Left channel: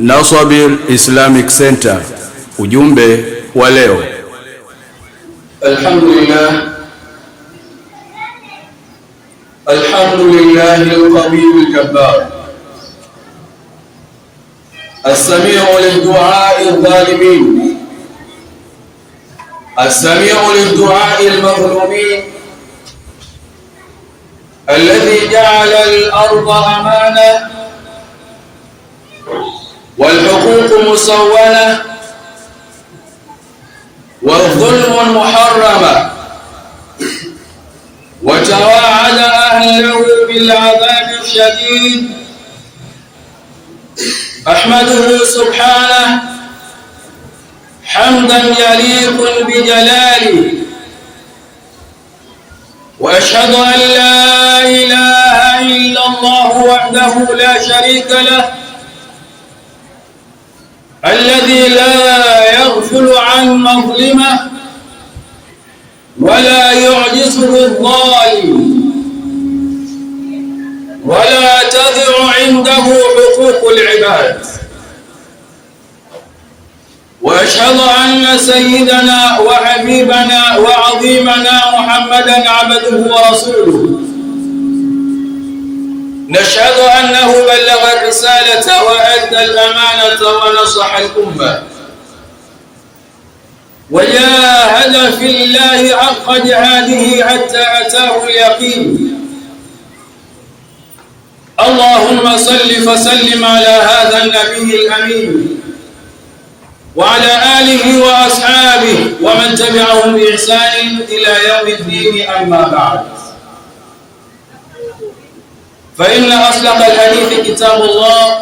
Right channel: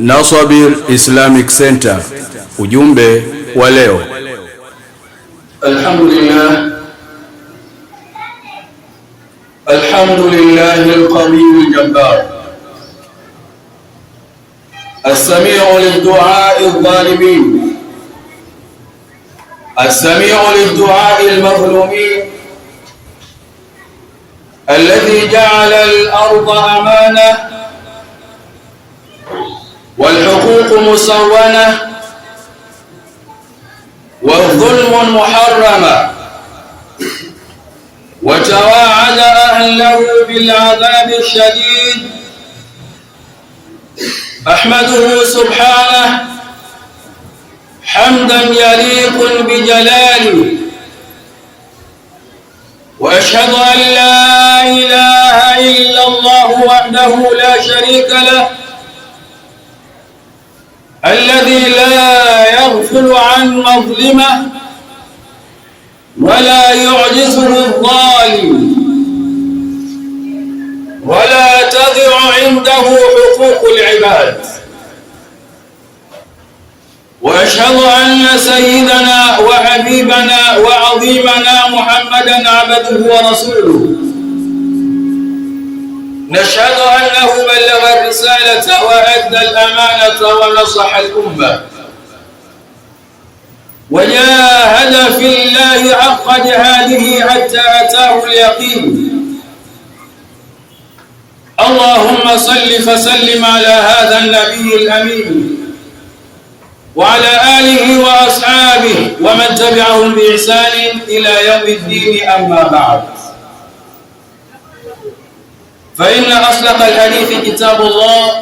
Nasabir Islamic Center, ujumbe wa leo. Alhamdulillah al-Qawiy al-Jabbar as-Sami'u lid-du'a al-zalimin as-Sami'u lid-du'a al-mazlumin alladhi ja'ala al-ardha amanah wal-huquq musawwanah والظلم محرما وتواعد أهله بالعذاب الشديد. أحمده سبحانه حمدا يليق بجلاله، وأشهد أن لا إله إلا الله وحده لا شريك له الذي لا يغفل عن مظلمه ولا يعجزه الظالم ولا تضيع عنده حقوق العباد. وأشهد أن سيدنا وحبيبنا وعظيمنا محمدا عبده ورسوله، نشهد أنه بلغ الرسالة وأدى الأمانة ونصح الأمة وجاهد في الله حق جهاده حتى أتاه اليقين. اللهم صل فسلم على هذا النبي الأمين وعلى آله وأصحابه ومن تبعهم بإحسان إلى يوم الدين. أما بعد، فإن أصدق الحديث كتاب الله،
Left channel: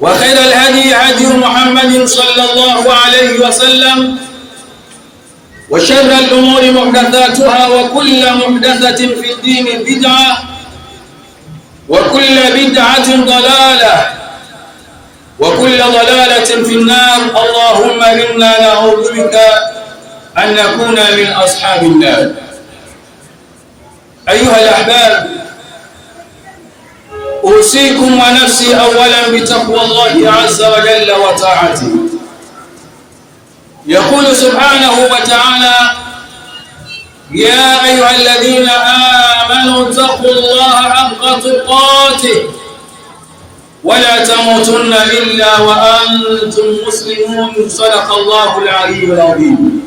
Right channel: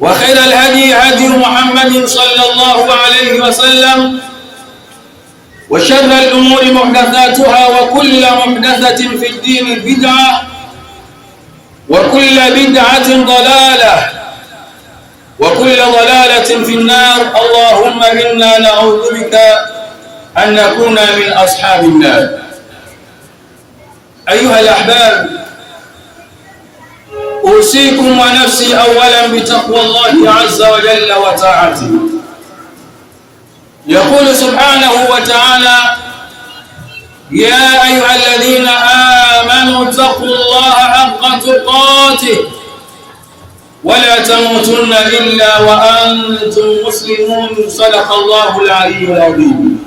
وخير الهدي هدي محمد صلى الله عليه وسلم، وشر الأمور محدثاتها، وكل محدثة في الدين بدعة، وكل بدعة ضلالة، وكل ضلالة في النار. اللهم إنا نعوذ بك أن نكون من أصحاب النار. أيها الأحباب، أوصيكم ونفسي أولا بتقوى الله عز وجل وطاعته. يقول سبحانه وتعالى: يا أيها الذين آمنوا اتقوا الله حق تقاته ولا تموتن إلا وأنتم مسلمون. صدق الله العلي العظيم.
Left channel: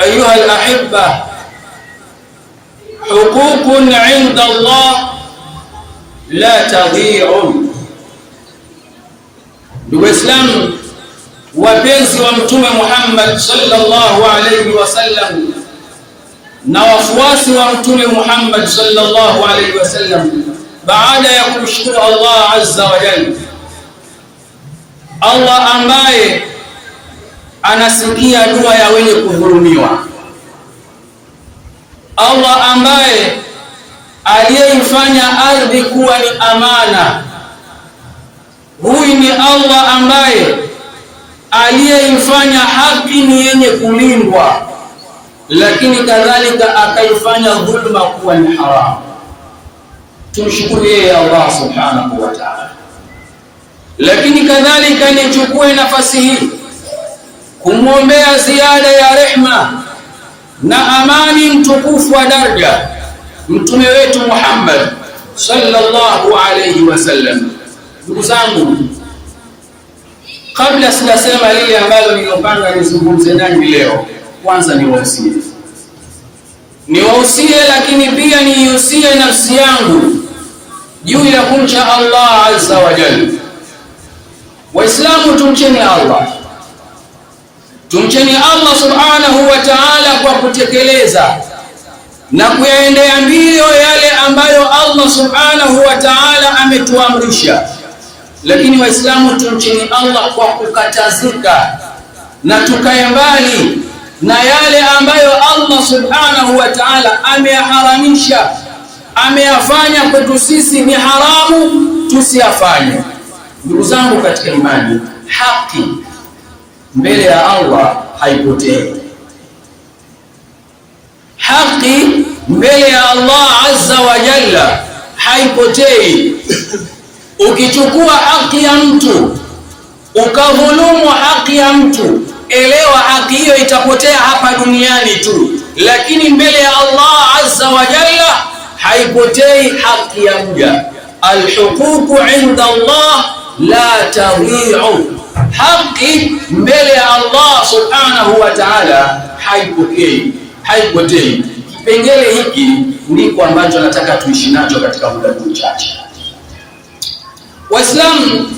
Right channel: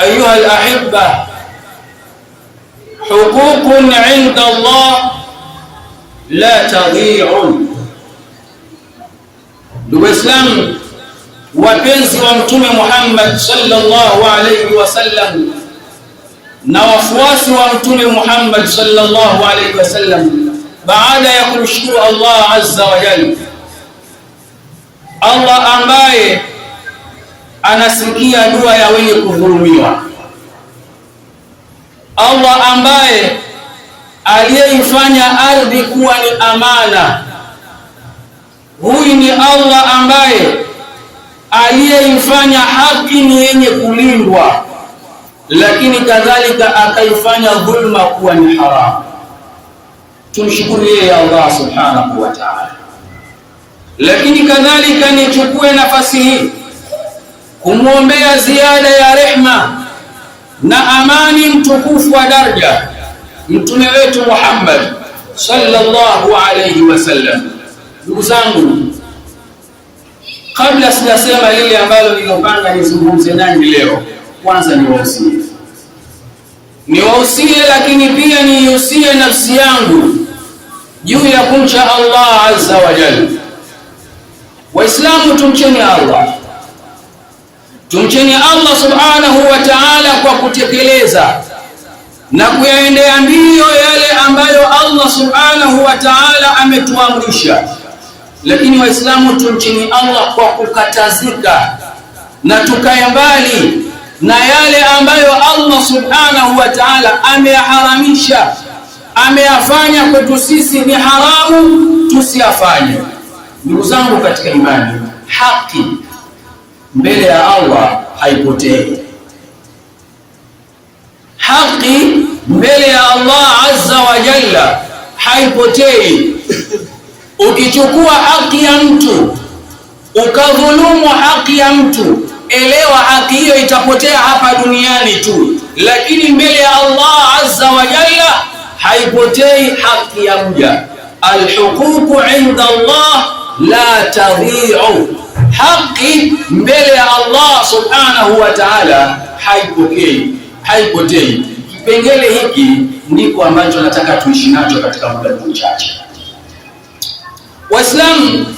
أيها الأحبة، حقوق عند الله لا تضيع. Ndugu Waislamu wapenzi wa Mtume Muhammad sallallahu alayhi wasallam na wafuasi wa Mtume Muhammad sallallahu alayhi wasallam, baada ya kumshukuru Allah azza wa jalla, Allah ambaye anasikia dua ya wenye kudhulumiwa, Allah ambaye aliyeifanya ardhi kuwa ni amana. Huyu ni Allah ambaye aliyeifanya haki ni yenye kulindwa, lakini kadhalika akaifanya dhulma kuwa ni haramu. Tumshukuru yeye Allah subhanahu wa ta'ala. Lakini kadhalika nichukue nafasi hii kumwombea ziada ya rehma na amani mtukufu wa daraja mtume wetu Muhammad sallallahu alayhi wasallam. Ndugu zangu, kabla sijasema lile ambalo nilopanga nizungumze nanyi leo, kwanza niwahusie, lakini pia niihusie nafsi yangu juu ya kumcha Allah azza wa jalla. Waislamu, tumcheni Allah. Tumcheni Allah subhanahu wa ta'ala kwa kutekeleza na kuyaendea mbio yale ambayo Allah subhanahu wa ta'ala ametuamrisha. Lakini Waislamu, tumcheni Allah kwa kukatazika na tukae mbali na yale ambayo Allah subhanahu wa ta'ala ameyaharamisha, ameyafanya kwetu sisi ni haramu, tusiyafanye. Ndugu zangu katika imani, haki mbele ya Allah haipotei. Haki mbele ya Allah azza wa jalla haipotei. Ukichukua haki ya mtu ukadhulumu haki ya mtu, elewa haki hiyo itapotea hapa duniani tu, lakini mbele ya Allah azza wa jalla haipotei haki ya mja. Alhuququ inda Allah la tadhi'u, haki mbele ya Allah subhanahu wa ta'ala haipotei. Kipengele hiki ndiko ambacho nataka tuishi nacho katika muda mchache. Waislamu,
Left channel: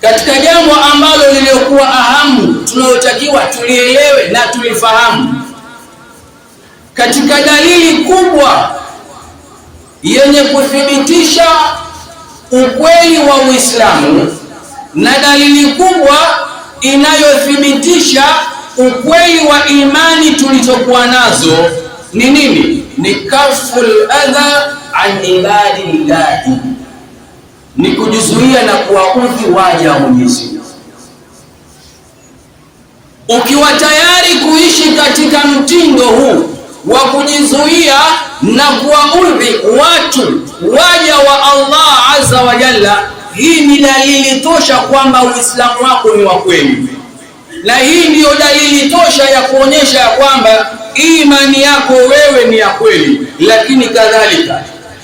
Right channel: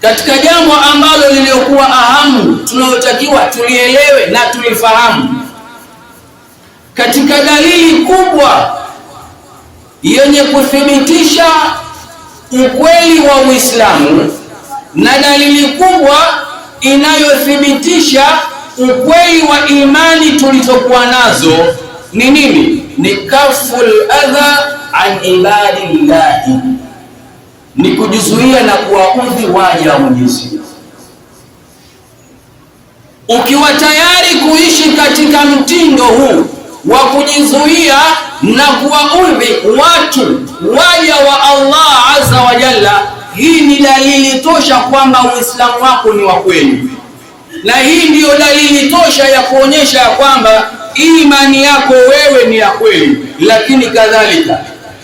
katika jambo ambalo liliokuwa ahamu tunalotakiwa tulielewe na tulifahamu, katika dalili kubwa yenye kuthibitisha ukweli wa Uislamu na dalili kubwa inayothibitisha ukweli wa imani tulizokuwa nazo ni nini? Ni kaful adha an ibadillahi, ni kujizuia na kuwaudhi waja wa Mwenyezi Mungu. Ukiwa tayari kuishi katika mtindo huu wa kujizuia na kuwaudhi watu waja wa Allah azza wa jalla, hii ni dalili tosha kwamba Uislamu wako ni wa kweli, na hii ndiyo dalili tosha ya kuonyesha ya kwamba imani yako wewe ni ya kweli. Lakini kadhalika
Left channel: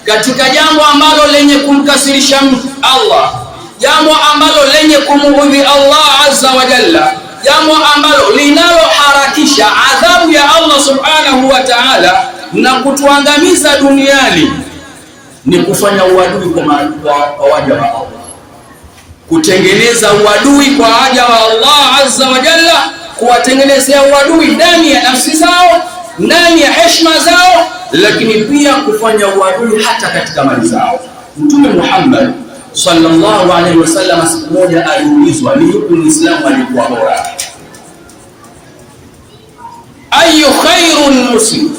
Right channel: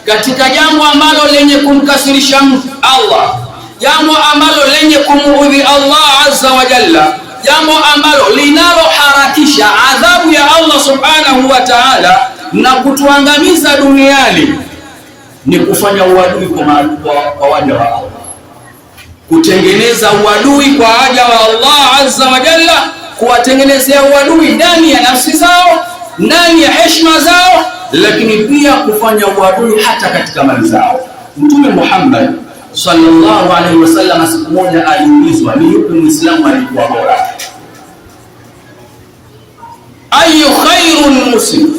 katika jambo ambalo lenye kumkasirisha Allah, jambo ambalo lenye kumuudhi Allah azza wa jalla, jambo ambalo linaloharakisha adhabu ya Allah subhanahu wa ta'ala na kutuangamiza duniani, ni kufanya uadui kwa waja wa Allah, kutengeneza uadui kwa waja wa Allah azza wa jalla, kuwatengenezea uadui ndani ya nafsi zao, ndani ya heshima zao, lakini pia kufanya uadui hata katika mali zao. Mtume Muhammad sallallahu alaihi wasallam siku moja aliulizwa, ni yupi Muislamu alikuwa bora? Ayu khairun muslim,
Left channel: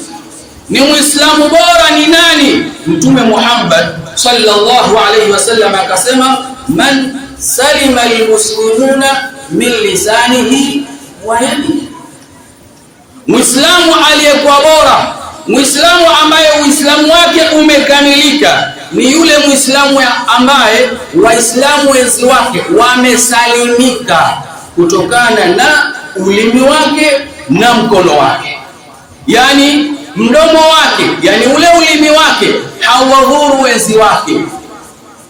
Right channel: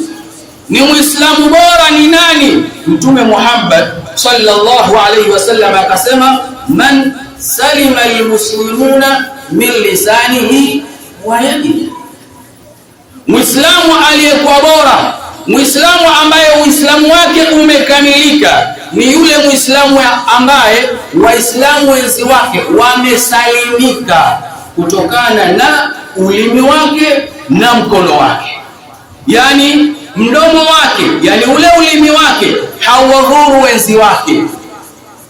ni Muislamu bora ni nani? Mtume Muhammad sallallahu alaihi wasallam akasema, man salima almuslimuna min lisanihi wa yadihi. Muislamu aliyekuwa bora, Muislamu ambaye Uislamu wake umekamilika, ni yule Muislamu ambaye Waislamu wenzi wake wamesalimika kutokana na ulimi wake na mkono wake, yani mdomo wake, yani ule ulimi wake hauwadhuru wenzi wake,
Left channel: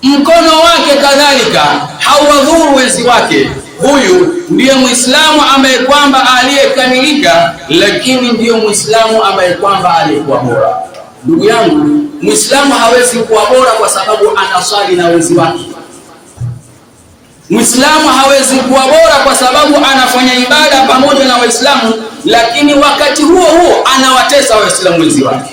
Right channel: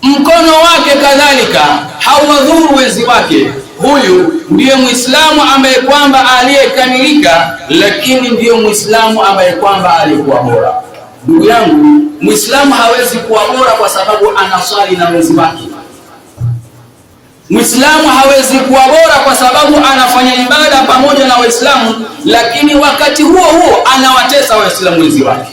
mkono wake kadhalika hauwadhuru wenzi wake. Huyu ndiye Muislamu ambaye kwamba aliyekamilika, lakini ndiyo Muislamu ambaye kwamba alikuwa bora. Ndugu yangu, Muislamu hawezi kuwa bora kwa sababu anaswali na wenzi wake. Muislamu hawezi kuwa bora kwa sababu anafanya ibada pamoja na Waislamu, lakini wakati huo huo anawatesa Waislamu wenzi wake.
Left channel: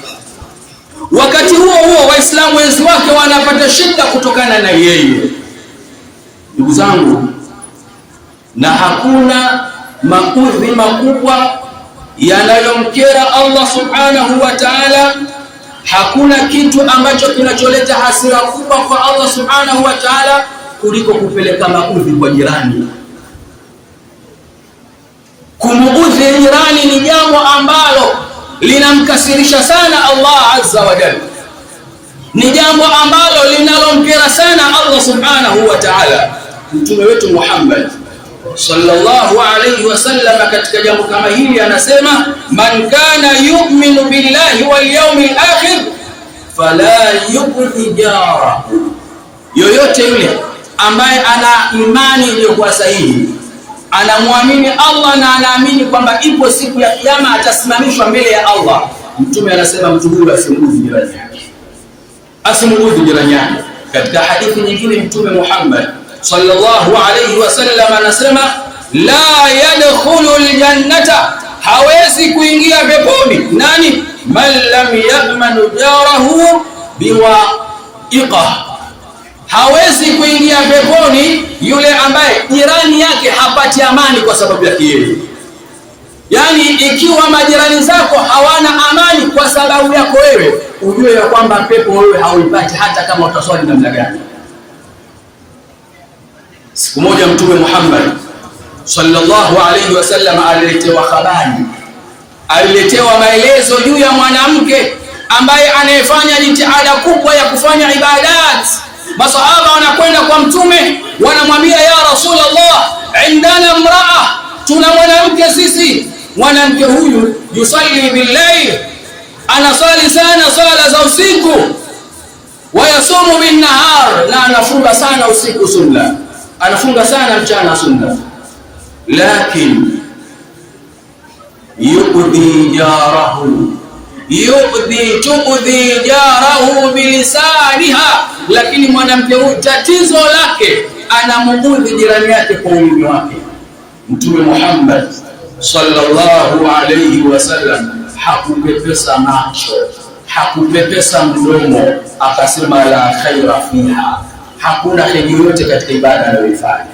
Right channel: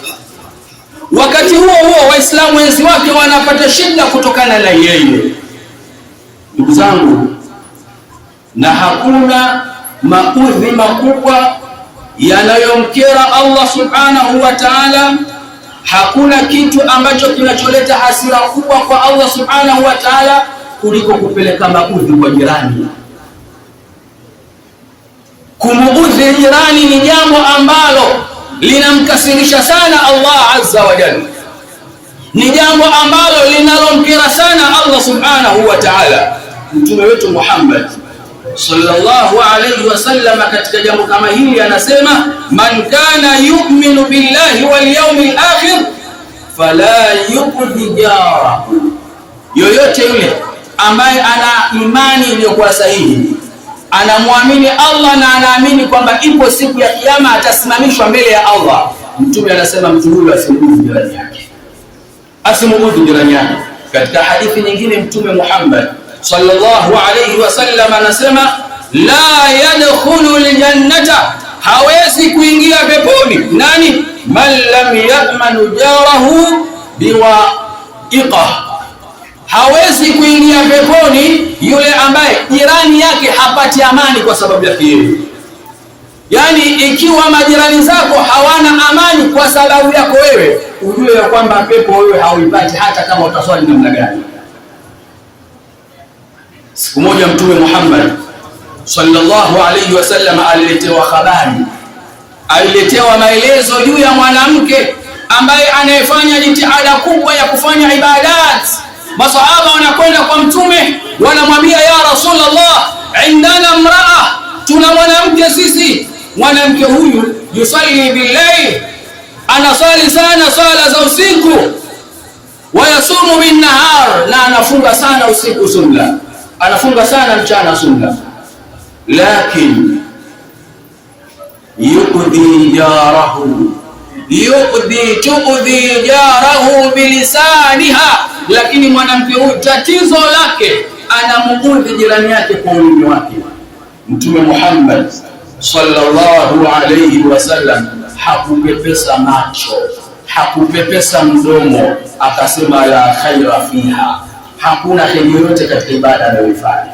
Wakati huo huo Waislamu wenzi wake wanapata shida kutokana na yeye. Ndugu zangu, na hakuna maudhi makubwa yanayomkera Allah subhanahu wa ta'ala, hakuna kitu ambacho kinacholeta hasira kubwa kwa Allah subhanahu wa ta'ala kuliko kupeleka maudhi kwa jirani. Kumuudhi jirani ni jambo ambalo linamkasirisha sana Allah azza wa jalla, ni jambo ambalo linalomkera sana Allah subhanahu wa ta'ala. Mtume wetu Muhammad sallallahu alayhi wasallam katika jambo kama hili anasema, man kana yu'minu billahi wal yawmil akhir fala yu'dhi jarahu, yoyote yule ambaye ana imani iliyokuwa sahihi, anamwamini Allah na anaamini kwamba ipo siku ya kiyama atasimamishwa mbele ya Allah, Mtume anasema mtu huyo asimuudhi jirani yake, asimuudhi jirani yake. Katika hadithi nyingine Mtume Muhammad sallallahu alayhi wasallam anasema, la yadkhulu aljannata, hawezi kuingia peponi nani? Man lam ya'manu jarahu biwa'iqa, hawezi kuingia peponi yule ambaye jirani yake hapati amani kwa sababu yake yeye. Yani ikiwa majirani zako hawana amani kwa sababu yako wewe, ujue ya kwamba pepo wewe hauipati hata kama utaswali namna gani. Siku moja Mtume Muhammad sallallahu alayhi wasallam aliletewa habari, aliletewa maelezo juu ya mwanamke ambaye anayefanya jitihada kubwa ya kufanya ibadat Masahaba wanakwenda kwa Mtume, wanamwambia ya Rasulullah, indana mraa, tuna mwanamke sisi. Mwanamke huyu yusalli billayl, anasali sana sala za usiku, wayasumu bin nahar, na anafunga sana usiku sunna, anafunga sana mchana sunna, lakin yu'dhi jarahu tu'dhi jarahu bilisaniha, lakini mwanamke huyu tatizo lake anamuudhi jirani yake kwa ulimi wake. Mtume Muhammad sallallahu alayhi wasallam hakupepesa macho, hakupepesa mdomo, akasema la khaira fiha, hakuna kheri yoyote katika ibada anayoifanya.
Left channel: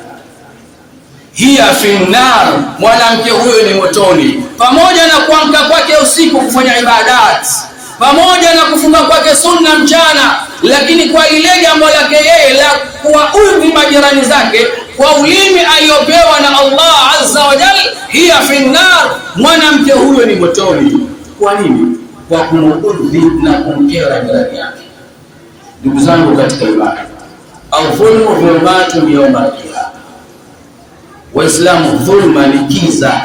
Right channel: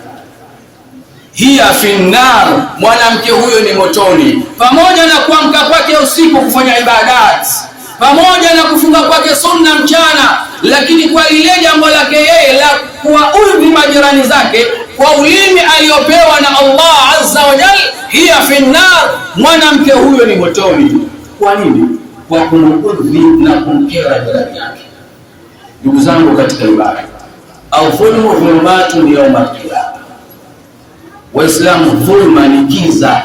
Hiya finnar, mwanamke huyo ni motoni. Pamoja na kuamka kwake usiku kufanya ibadat, pamoja na kufunga kwake sunna mchana, lakini kwa ile jambo lake yeye la kuwaudhi majirani zake kwa ulimi aliyopewa na Allah azza wa jalla, hiya finnar, mwanamke huyo ni motoni. Kwa nini? Kwa kumuudhi na kumkera jirani yake. Ndugu zangu katika ibada, al-dhulmu dhulumatun yawm al-qiyamah. Waislamu, dhulma ni kiza,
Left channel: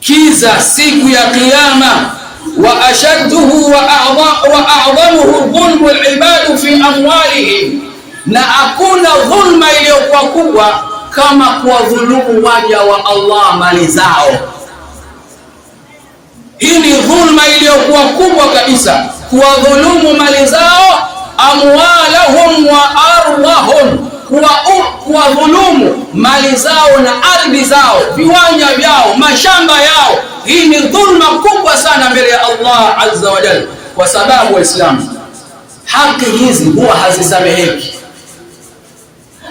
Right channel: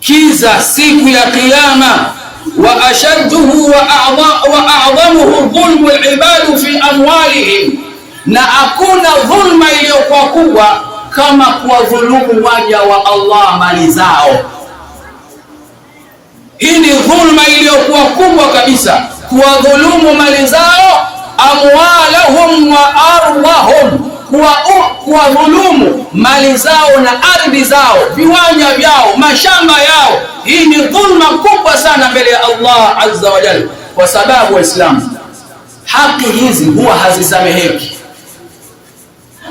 kiza siku ya Kiyama. Wa ashadduhu wa a'dhamuhu dhulmu al-ibad fi amwalihim, na hakuna dhulma iliyokuwa kubwa kama kuwadhulumu waja wa Allah mali zao. Hii ni dhulma iliyokuwa kubwa kabisa, kuwadhulumu mali zao, amwalahum wa ardhahum, kuwadhulumu mali zao na ardhi zao, viwanja vyao, mashamba yao. Hii ni dhulma kubwa sana mbele ya Allah azza wa jalla, kwa sababu Waislamu, haki hizi huwa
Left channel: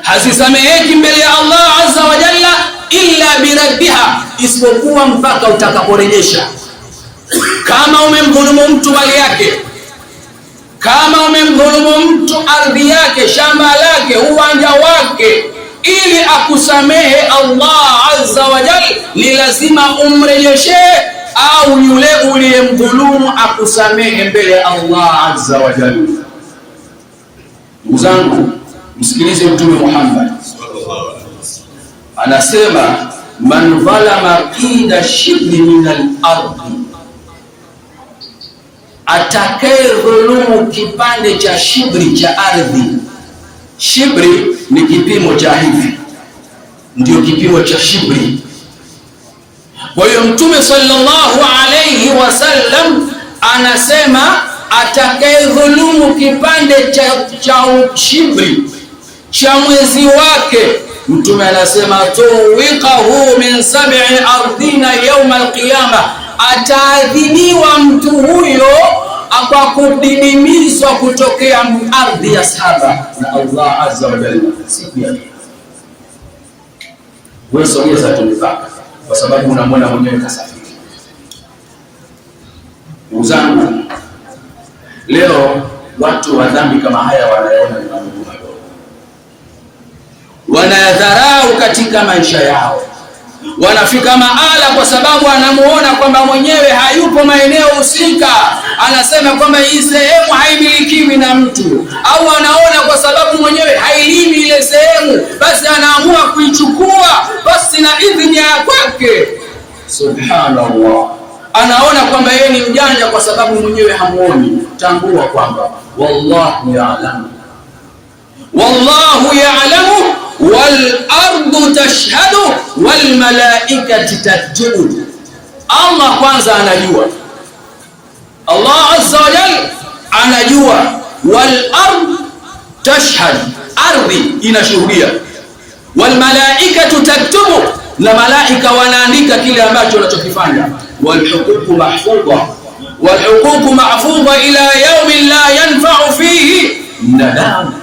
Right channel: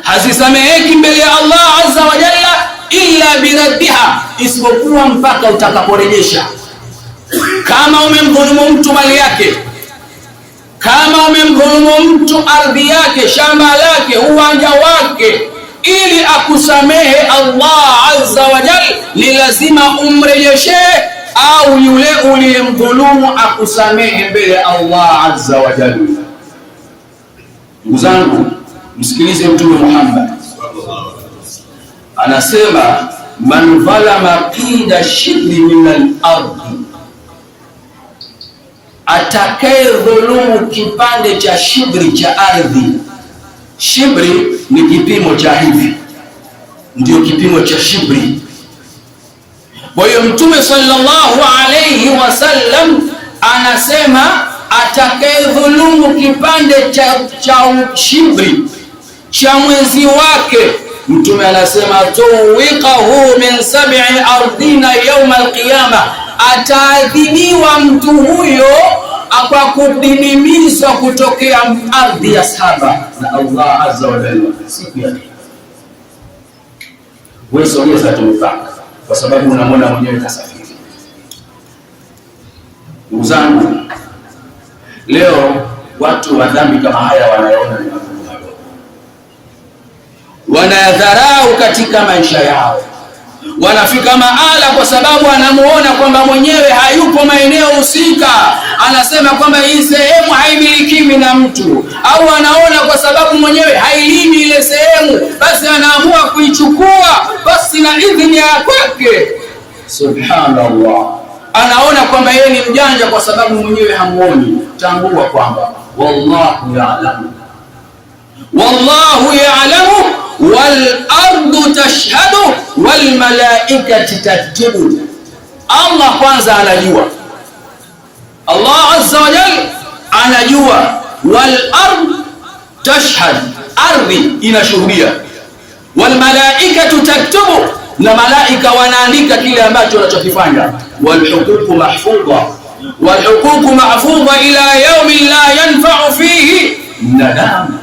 hazisameheki mbele ya Allah azza wa jalla illa biraddiha, isipokuwa mpaka utakaporejesha. Kama umemdhulumu mtu mali yake, kama umemdhulumu mtu ardhi yake, shamba lake, uwanja wake, ili akusamehe Allah azza wa jalla, ni lazima umrejeshe, au yule uliyemdhulumu akusamehe mbele ya Allah azza wa jalla. Ndugu zangu, msikilize Mtume Muhammad anasema, man zalama qida shibri min al-ardi, atakaye dhulumu kipande cha shibri cha ardhi. Shibri ni kipimo cha hivi, ndio kipimo cha shibri. Kwa hiyo Mtume sallallahu alayhi wasallam anasema, atakaye dhulumu kipande cha shibri cha mwezi wake, Mtume anasema tuwiqahu min sab'i ardina yawm al-qiyama, ataadhibiwa mtu huyo kwa kudidimizwa kutokea ardhi ya saba na Allah azza wa jalla siku ya Kiyama. Wewe sogeza tu mipaka, kwa sababu unamwona mwenyewe kasafiri. Ndugu zangu, leo watu wa dhambi kama haya wanayaona ni mambo madogo, wanayadharau katika maisha yao. Wanafika mahala kwa sababu anamuona kwamba mwenyewe hayupo maeneo husika, anasema kwamba hii sehemu haimilikiwi na mtu, au anaona kwa sababu mwenyewe hailimi ile sehemu, basi anaamua kuichukua basi na idhini ya kwake. Subhanallah, anaona kwamba yeye ni mjanja kwa sababu mwenyewe hamuoni. Tambua kwamba wallahu ya'lamu wal ardu tashhadu wal malaikati taktubu. Allah kwanza anajua, Allah azza wa jalla anajua, wal ardu tashhad, ardhi inashuhudia, wal malaikatu taktubu, na malaika wanaandika kile ambacho unachokifanya. Wal huququ mahfudha ila yawmin la yanfa'u fihi nadam.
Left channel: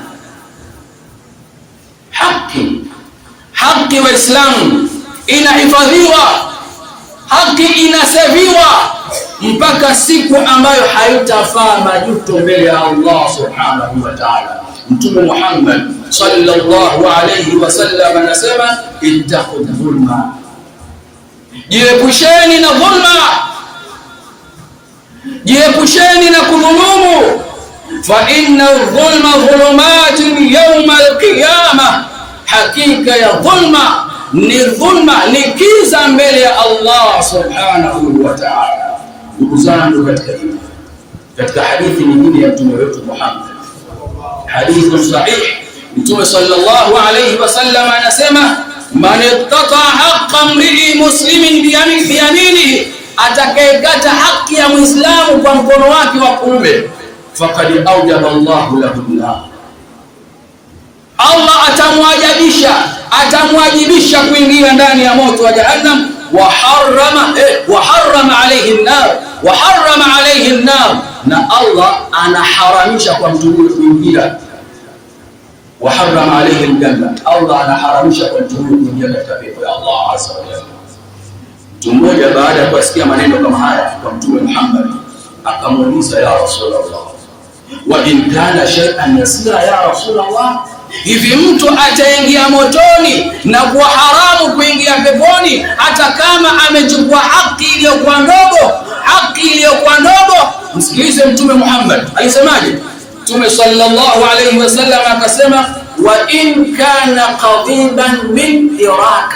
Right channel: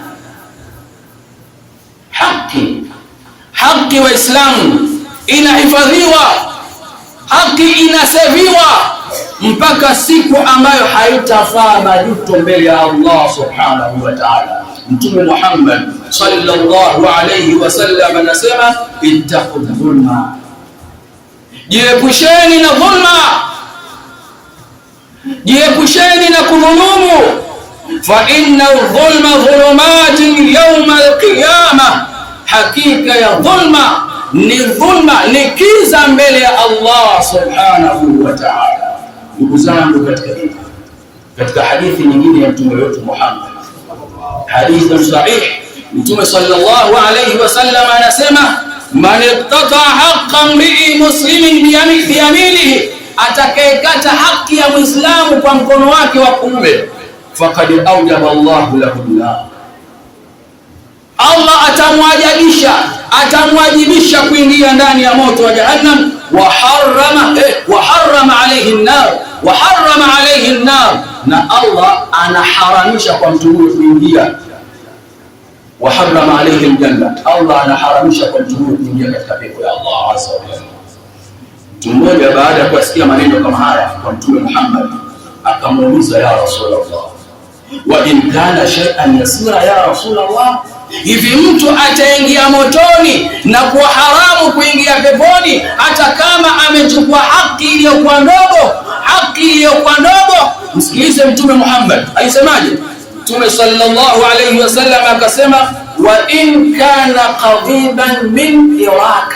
Haki Waislamu inahifadhiwa, haki inaseviwa mpaka siku ambayo haitafaa majuto mbele ya Allah subhanahu wa ta'ala. Mtume Muhammad sallallahu alayhi wasallam anasema, ittaqu dhulma, jiepusheni na dhulma, jiepusheni na kudhulumu. fa inna dhulma dhulumatin yawm alqiyama, hakika ya dhulma ni dhulma, ni kiza mbele ya Allah subhanahu wa ta'ala. Ndugu zangu katika hadithi nyingine ya mtume wetu Muhammad, hadithi sahih, mtume sallallahu alayhi wasallam anasema, man ittata haqqa mri'i muslimin biyaminihi, atakayekata haki ya Muislamu kwa mkono wake wa kuume, faqad awjaba Allahu lahu an-nar, Allah atamwajibisha kuingia ndani ya moto wa jahannam, wa harrama alayhi an-nar, wa harrama alayhi an-nar, na Allah anaharamisha kwa mtu huyo kuingia, wa harrama alayhi al-janna, Allah anaharamisha kwa mtu huyo kuingia katika pepo ya Allah azza wa jalla. Mtu mmoja baada ya kusikia maneno kama haya kwa Mtume Muhammad akamuuliza, ya Rasulullah, wa in kana shay'an yasira ya Rasulullah, hivi mtu ataingia motoni na kuwa haramu kuingia peponi hata kama amechukua haki iliyokuwa ndogo? Haki iliyokuwa ndogo. Msikilize Mtume Muhammad alisemaje. Mtume sallallahu alayhi wasallam akasema, wa in kana qadiban min Iraq,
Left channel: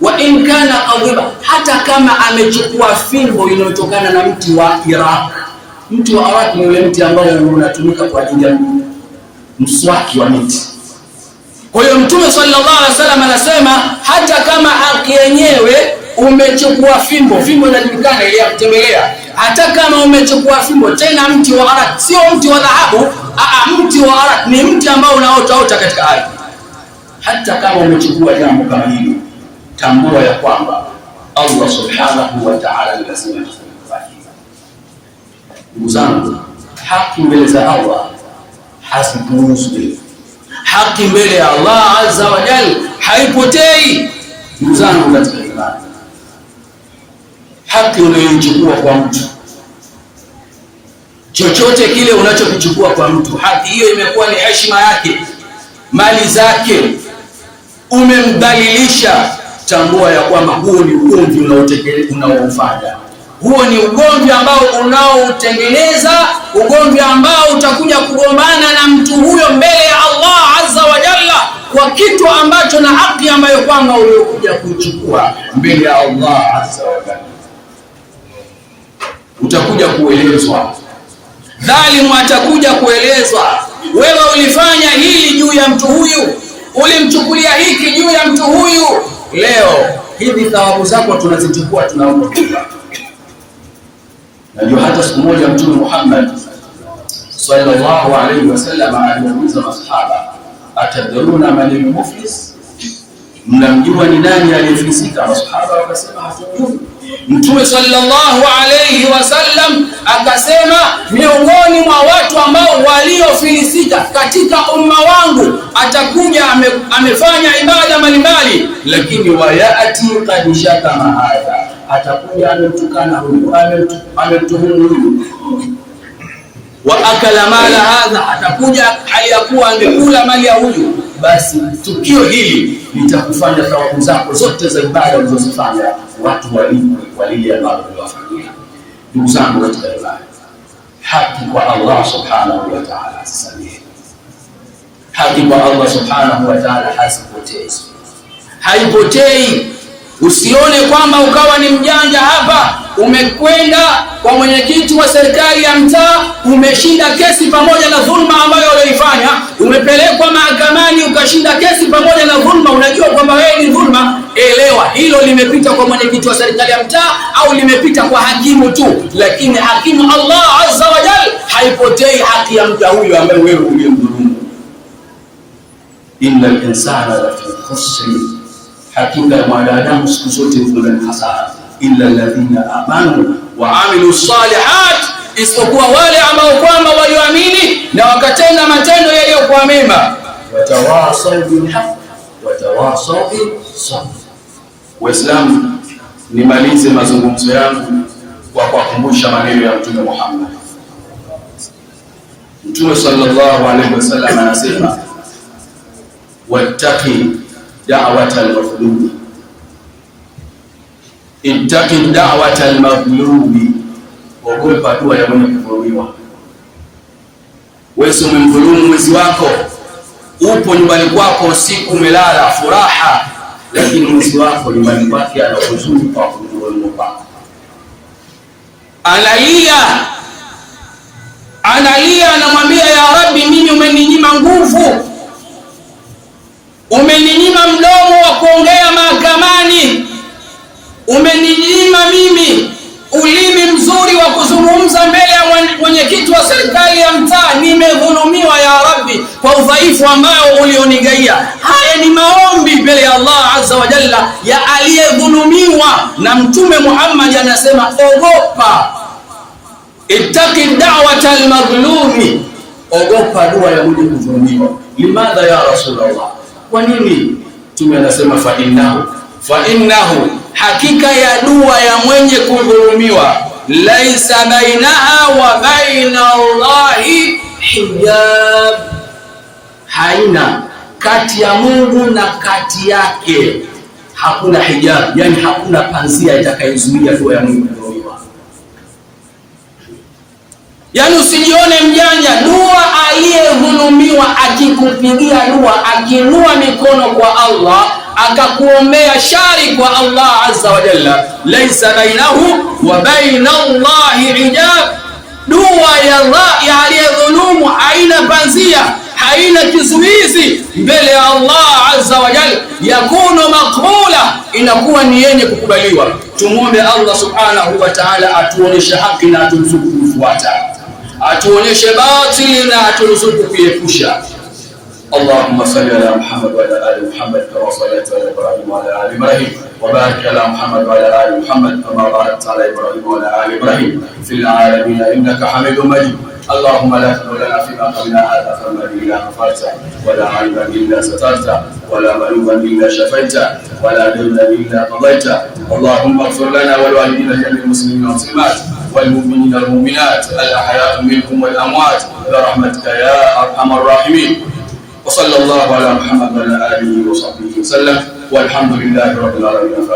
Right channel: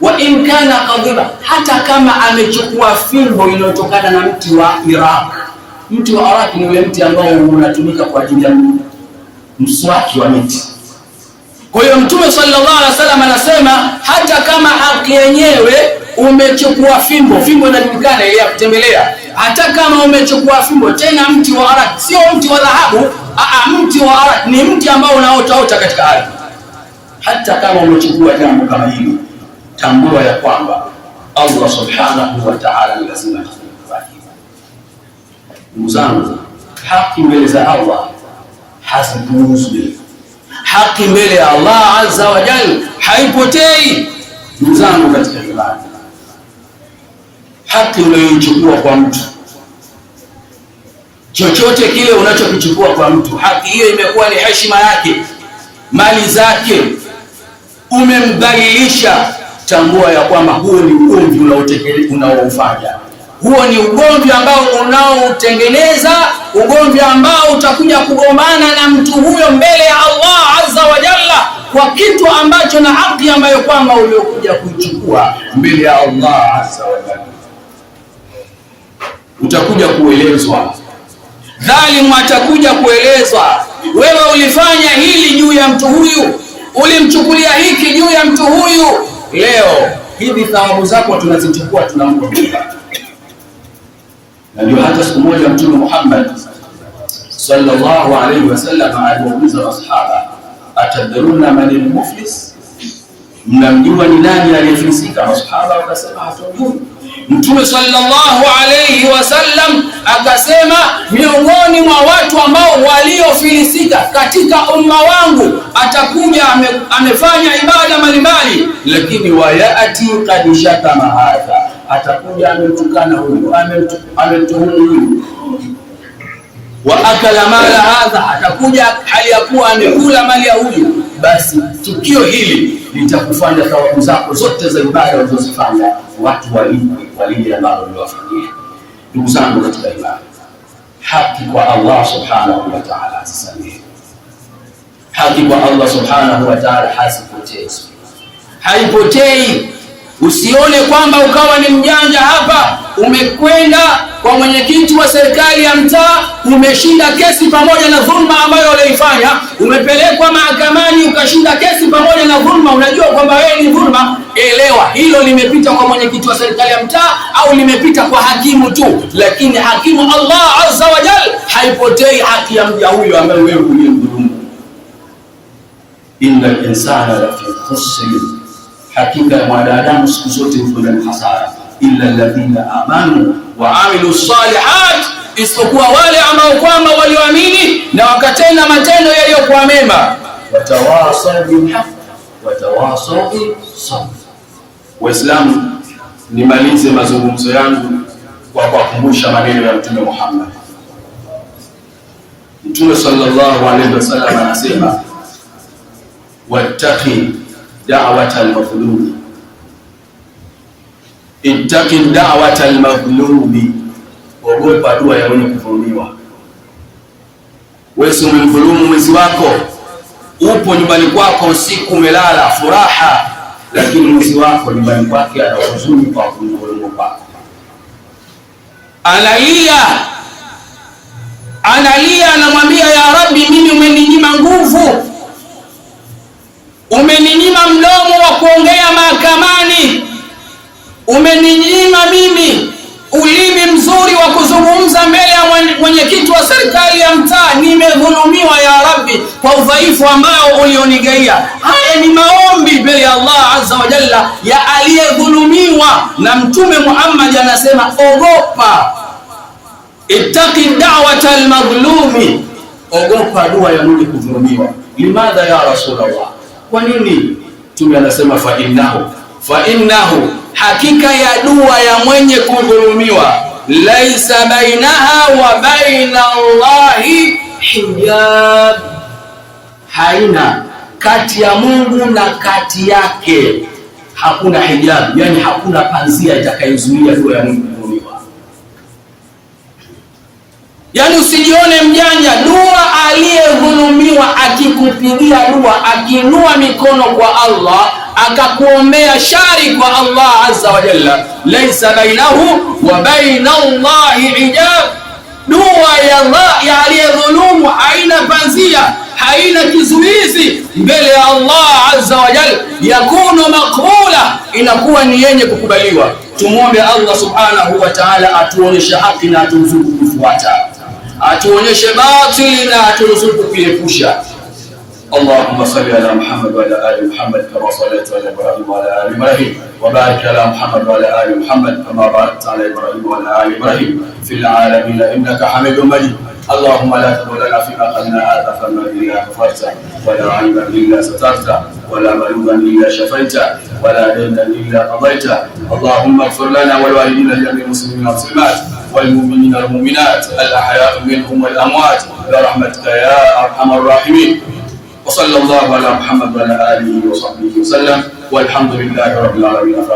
wa in kana qadiba, hata kama amechukua fimbo inayotokana na mti wa Iraq. Mti wa Iraq ni ule mti ambao unatumika kwa ajili ya mswaki wa miti. Kwa hiyo Mtume sallallahu alaihi wasallam anasema hata kama haki yenyewe umechukua fimbo inajulikana ile ya kutembelea, hata kama umechukua fimbo, tena mti wa Iraq, sio mti wa dhahabu, mti wa Iraq ni mti ambao unaota katika ardhi. Hata kama umechukua jambo kama hili, tambua ya kwamba Allah subhanahu wa ta'ala ni lazima atakubariki. Ndugu zangu, haki mbele za Allah hazipuuzwi. Haki mbele ya Allah azza wa jalla haipotei. Ndugu zangu katika imani, haki unayoichukua kwa mtu, chochote kile unachokichukua kwa mtu, haki hiyo imekuwa ni heshima yake, mali zake, umemdhalilisha, tambua ya kwamba huo ni ugomvi unaoufanya. Huo ni ugomvi ambao unaoutengeneza, ugomvi ambao utakuja kugombana na mtu huyo mbele ya Allah azza wa jalla kwa kitu ambacho na haki ambayo kwamba uliokuja kuichukua mbele ya Allah azza wa jalla. Utakuja kuelezwa, dhalimu atakuja kuelezwa, wewe ulifanya hili juu ya mtu huyu, ulimchukulia hiki juu ya mtu huyu. Leo hivi thawabu zako tunazichukua, tunaondoka. Na ndio hata siku moja Mtume Muhammad sallallahu alayhi wasallam aliwauliza masahaba, atadruna man al-muflis, mnamjua ni nani aliyefilisika? Masahaba wakasema hatujui. Mtume sallallahu alayhi wasallam akasema, miongoni mwa watu ambao waliofilisika katika umma wangu atakuja amefanya ibada mbalimbali, lakini wayati qad shatama hadha, atakuja ametukana huyu, ametuhumu huyu, wa akala mala hadha, atakuja hali ya kuwa amekula mali ya huyu. Basi tukio hili litakufanya thawabu zako zote za ibada ulizozifanya watu walili ambao uliwafanyia. Ndugu zangu katika imani, haki kwa Allah subhanahu wa ta'ala asisamehe. Haki kwa Allah subhanahu wa ta'ala haipotei. Usione kwamba ukawa ni mjanja hapa, umekwenda kwa mwenyekiti wa serikali ya mtaa, umeshinda kesi pamoja na dhulma ambayo uliifanya, umepelekwa mahakamani ukashinda kesi pamoja na dhulma, unajua kwamba wewe ni dhulma. Elewa hilo limepita kwa mwenyekiti wa serikali ya mtaa au limepita kwa hakimu tu, lakini hakimu Allah azza wa jalla haipotei haki ya mja huyo ambaye wewe uliyemdhulumu. Innal insana lafi khusr, hakika ya mwanadamu siku zote yuko ndani hasara, illa alladhina amanu wa amilu salihat, isipokuwa wale ambao kwamba walioamini na wakatenda matendo yaliyokuwa mema. Watawasau bil haqq watawasau bis sabr. Waislamu, nimalize mazungumzo yangu kwa kukumbusha maneno ya Mtume Muhammad. Mtume sallallahu alaihi wasallam anasema, wattaqi da'wata al-mazlumi, ittaqi da'wata al-mazlumi, ogopa dua ya mwenye kudhulumiwa. Wewe umemdhulumu mwezi wako, upo nyumbani kwako usiku umelala furaha, lakini mwezi wako nyumbani kwake ana huzuni kwa kumdhulumu kwako. Analia anamwambia, ya Rabbi, mimi umeninyima nguvu, umeninyima mdomo wa kuongea mahakamani, umeninyima mimi ulimi mzuri wa kuzungumza mbele ya mwenyekiti wa serikali ya mtaa. Nimedhulumiwa ya Rabbi kwa udhaifu ambao ulionigaia. Haya ni maombi mbele ya Allah azza wa jalla ya aliyedhulumiwa, na Mtume Muhammad anasema, ogopa, ittaqi da'wata al-madhlumi, ogopa dua ya mwenye kudhulumiwa. Limadha ya Rasulullah? Kwa nini? Mtume anasema, fa innahu, hakika ya dua ya mwenye kudhulumiwa, laisa bainaha wa baina Allahi hijab, haina kati ya Mungu na kati yake hakuna hijab, yani hakuna panzia itakayozuia dua ya mwenye kudhulumiwa. Yani usijione mjanja. Dua aliyedhulumiwa akikupigia dua, akinua mikono kwa Allah, akakuombea shari kwa Allah azza wa jalla, laisa bainahu wa baina Allahi hijab. Dua ya Allah ya aliyedhulumu haina panzia, haina kizuizi mbele ya Allah azza wa jalla, yakunu maqbula, inakuwa ni yenye kukubaliwa. Tumuombe Allah subhanahu wa ta'ala atuonyeshe haki na aturuzuku kufuata, atuonyeshe batili na aturuzuku kuepusha. اللهم صل على محمد وعلى آل محمد كما صليت على إبراهيم وعلى آل إبراهيم، وبارك على محمد وعلى آل محمد كما باركت على إبراهيم وعلى آل إبراهيم في العالمين إنك حميد مجيد. اللهم لا تدع لنا في مقامنا هذا ذنبا إلا غفرته، ولا عيبا إلا سترته، ولا مريضا إلا شفيته، ولا دينا إلا قضيته. اللهم اغفر لنا ولوالدينا جميع المسلمين والمسلمات والمؤمنين والمؤمنات الأحياء منهم والأموات برحمتك يا أرحم الراحمين. وصلى الله على محمد وعلى آله وصحبه وسلم، والحمد لله رب العالمين.